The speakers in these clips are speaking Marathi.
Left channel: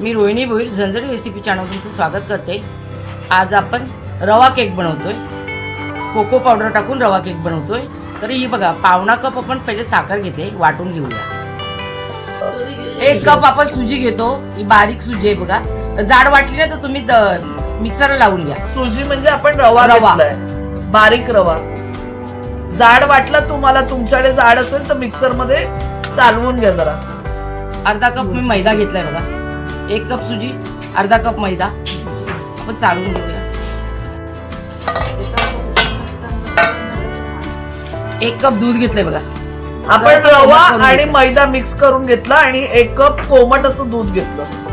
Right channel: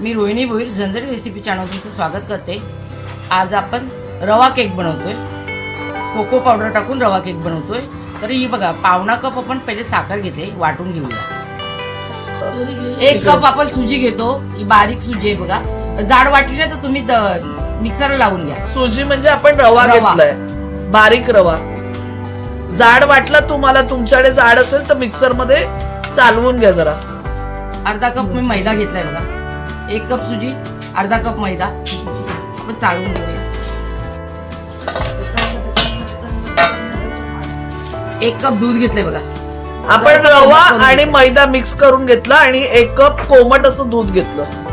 मी रोहिणी भोईर झणझणी रेसिपी चॅनल तुमचं स्वागत करते। आज आपण रवा केक बनवतोय। कोको पावडर टाकून रवा केक बनवतोय। तर ही बघा, पावणा कप आपण पहिले साखर घेते, वाटून घेऊया। 1 कप आपण सुजी घेतो, ही बारीक सुजी आहे बघा। जाड वाटली ना तर तुम्ही मिक्सरला लावून घ्या। सुजी म्हणजे आपण रवा घेतलाय, बारीक रवा। जाड वाटला तुम्हाला, तुमच्याकडे जाड असेल तर मिक्सर मध्ये चालवून घ्या जरा। अर्धा कप मी मैदा घेतलाय बघा। 1 कप सुजी, अर्धा कप मैदा आपण चालवून घेऊया। 1 कप दूध घेतलंय बघा। आपण रवा आणि मैदा मिक्स करून घेतला आणि 1 कप कोमट असं दूध घेतलं।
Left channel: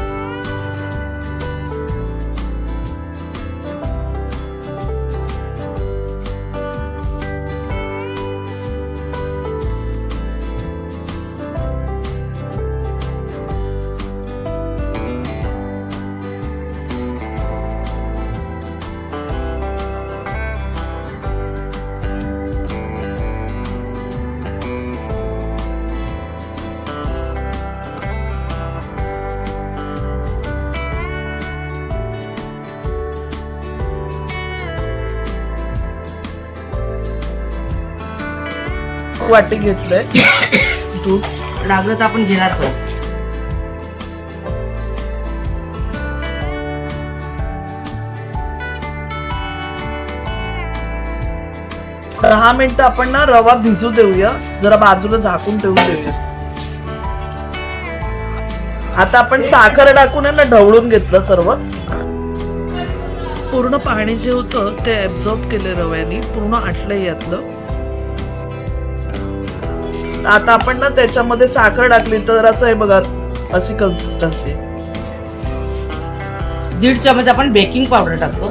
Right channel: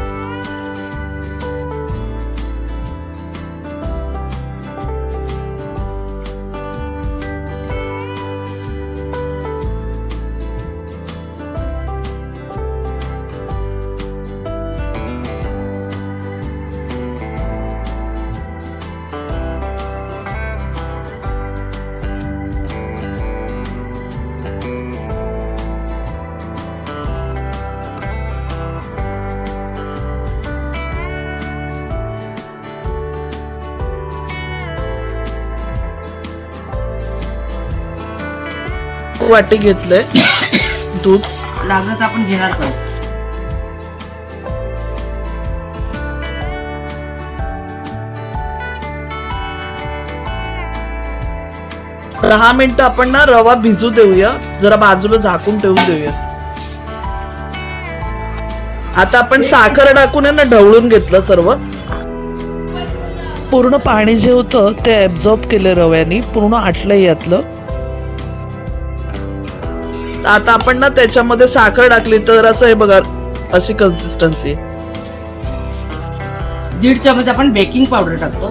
वाटी घेतलंय दूध, लागलं तर आपण घेणार पण। दहा मिनिटं आपण ना रवा भिजू देऊया, जरा बाजूला झाकून ठेवून देऊया। आता आपण साखर टाकून ना ढवळून घेतलं सर्व। पूर्ण पाणी जे होतं ते ऍब्झॉर्ब केलं रव्यानी, पूर्ण आटलंय यातलं। आता आपण ना त्याच्यामध्ये साखर टाकली तर असं हे बघा, अशी कन्सिस्टन्सी। 1.5 चमच आपण बेकिंग पावडर टाकतो।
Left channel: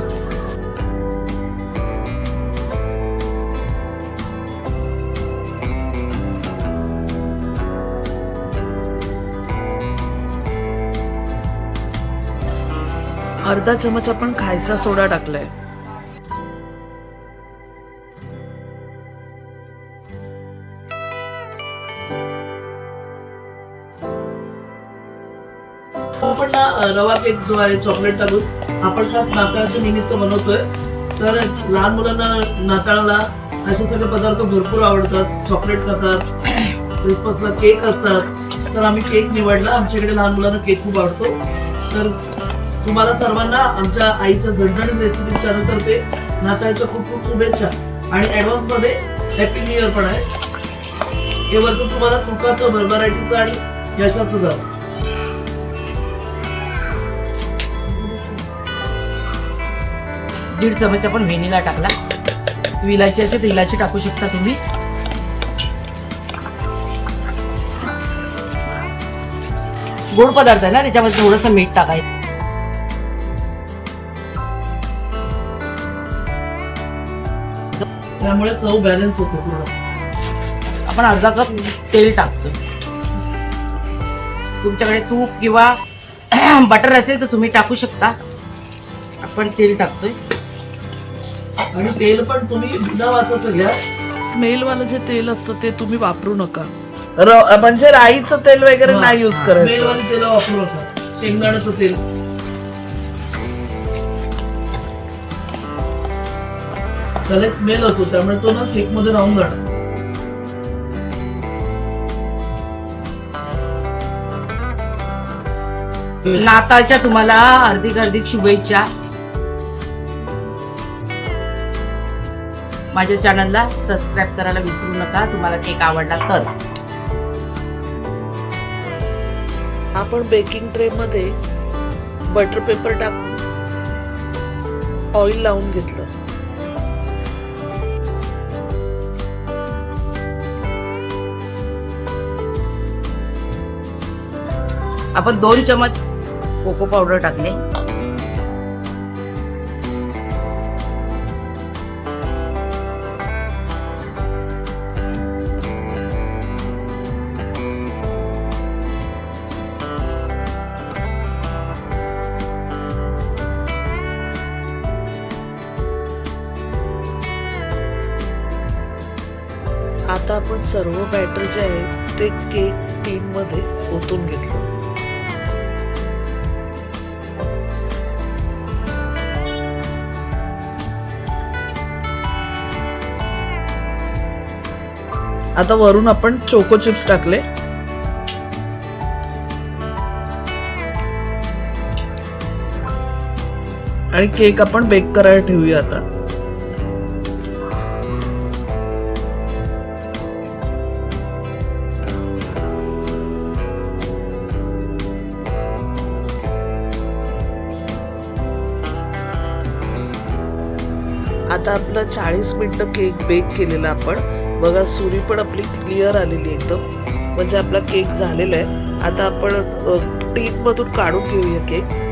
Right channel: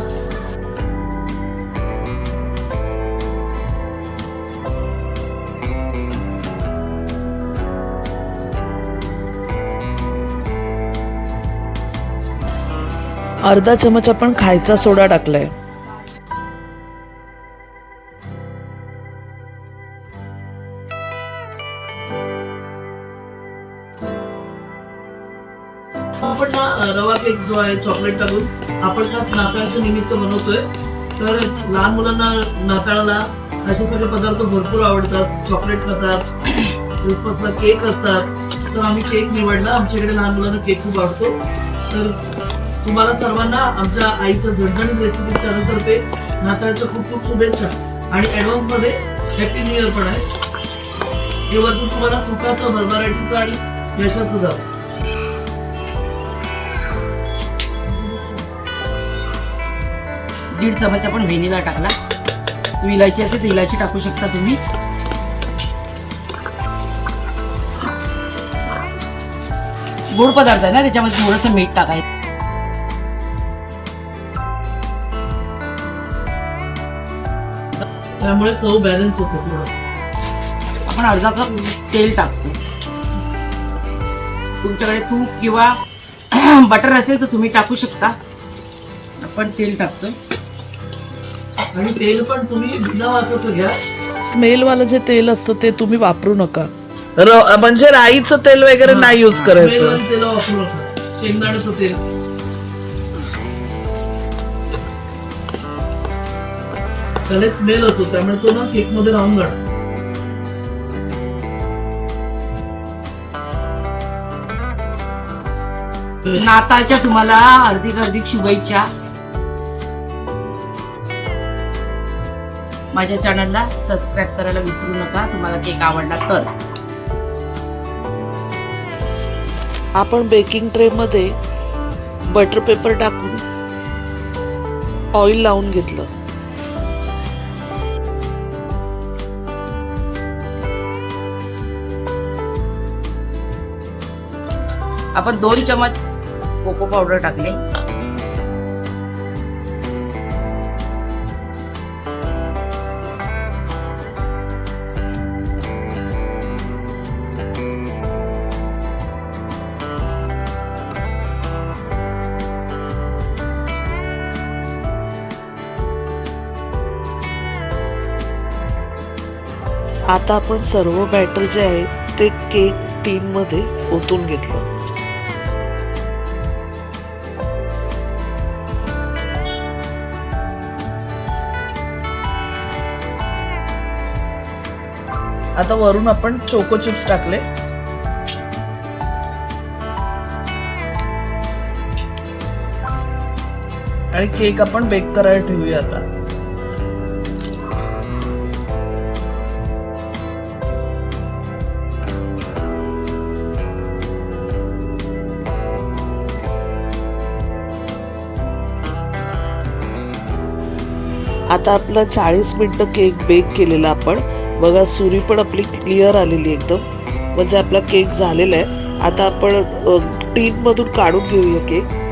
अर्धा चमच आपण खायचा सोडा टाकलाय। आपण ना रवा केक जो आहे चॉकलेट टाकून आपण खास नाताळाच्या निमित्त बनवतोय। तर लहान मुलांना नाताळाला असे सगळे पदार्थ भरपूर आवडतात, चॉकलेट खातात, क्रिसमसला केक असतात। तर आम्ही केक निवडला, आमच्याकडे लहान मुलांना केक खूप आवडतो। तर तुम्हाला सर्वांना आमच्या आईच्या झणझणीत रेसिपी चॅनल तर्फे नाताळच्या खूप खूप शुभेच्छा आणि ऍडव्हान्स मध्ये हॅपी न्यू इयर पण आहे। हे वर्ष तुम्हाला सुखाचं, भरभराटीचं आणि यशाचं जावं। 1.5 चमच आपण व्हॅनिला टाकला। इलायची असेल तर इलायची टाकू शकता तुम्ही। गोड पदार्थ आहे ना, त्याच्यामध्ये थोडंसं मीठ टाकायचं। त्यामुळे चव बॅलन्स होते थोडं। आपण अर्धा कप तेल टाकतो। तुमच्याकडे तूप किंवा बटर असेल तर तुम्ही टाकू शकता। आपण तेल टाकतोय आणि तेल पण तुम्ही बिना वासाचं घ्या। स्मेल वालं जे तेल असतं ते तुम्ही वापरू नका। म्हणजे राईचं तेल वगैरे नाही यूज करायचं। तेल वापरू नका, शेंगदाण्याचं तेल। त्याला एक स्मेल असतो, त्यामुळे तो ना केक मध्ये राहून जाणार। नाताळच्या तुम्हाला हार्दिक शुभेच्छा। माझ्या चॅनलला सबस्क्राईब करायला विसरू नका, तुम्हाला केक आवडला तर। आपण बेकिंग ट्रे मध्ये बटर पेपर टाकून ऑइल लावून घेतलं। आपण 2 चमच कोको पावडर टाकले। आता आपण सर्व बॅटर जे आहे ते केक टीन मध्ये ओतून घेतलं. आता वरून आपण चोको चिप्स टाकले. आणि केक आपण बेक करायला ठेवूया आता. आता आपलं 40 मिनिटं केक बेक केलेला आपण बघा. सुरी पण आपली क्लिअर आलेली एकदम, म्हणजे आपला केक झालेला आहे. आता आपण टीन मधून काढून घेऊया केक.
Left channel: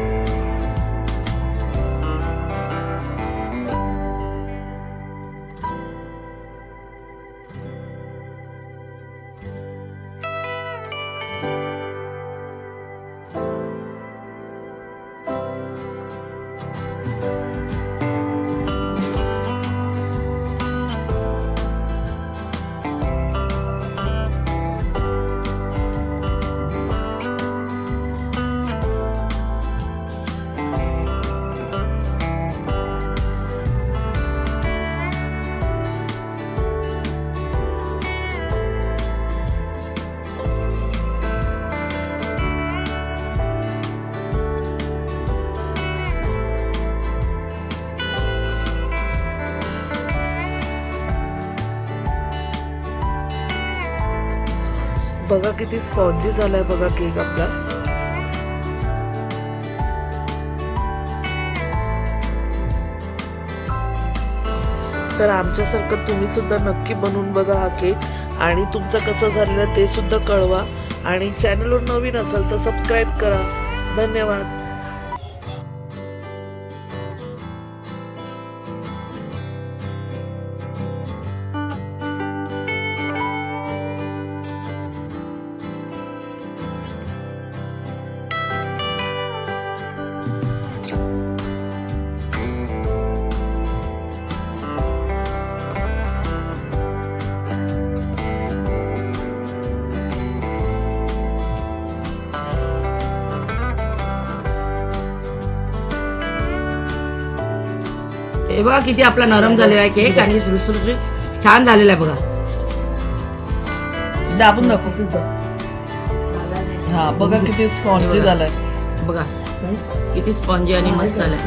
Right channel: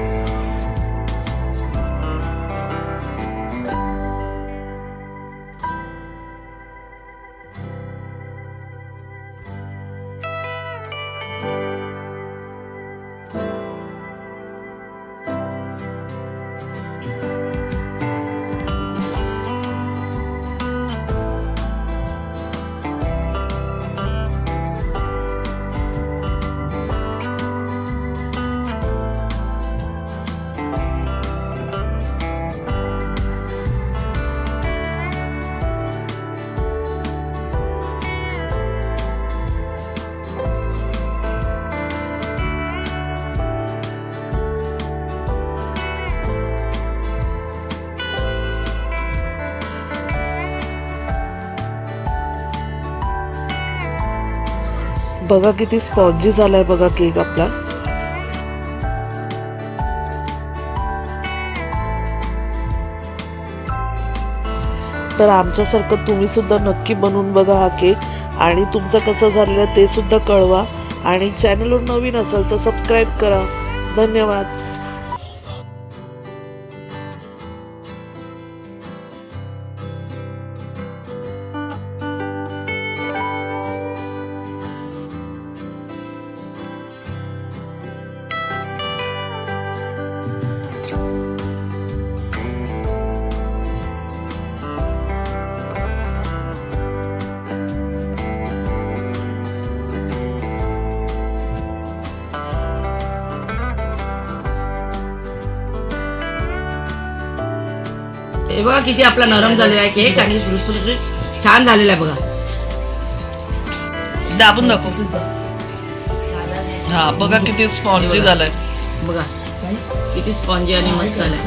बघा किती स्पॉन्जी झालाय बघा केक आपला. तर आमच्यासारखं तुम्ही सुद्धा नक्की बनवून बघा हा केक आणि तुमचं कसं झालेलं ते सुद्धा कळवा. आणि चॅनलवर नवीन असाल तर सबस्क्राईब करा. धन्यवाद. हे बघा किती आपला नरम झालेला आहे केक आणि सुरसुरीत छान झालेला आहे बघा. दाबून दाखव. हा बघा किती स्पॉन्जी झालाय बघा, किती स्पॉन्जी आणि मस्त झालाय.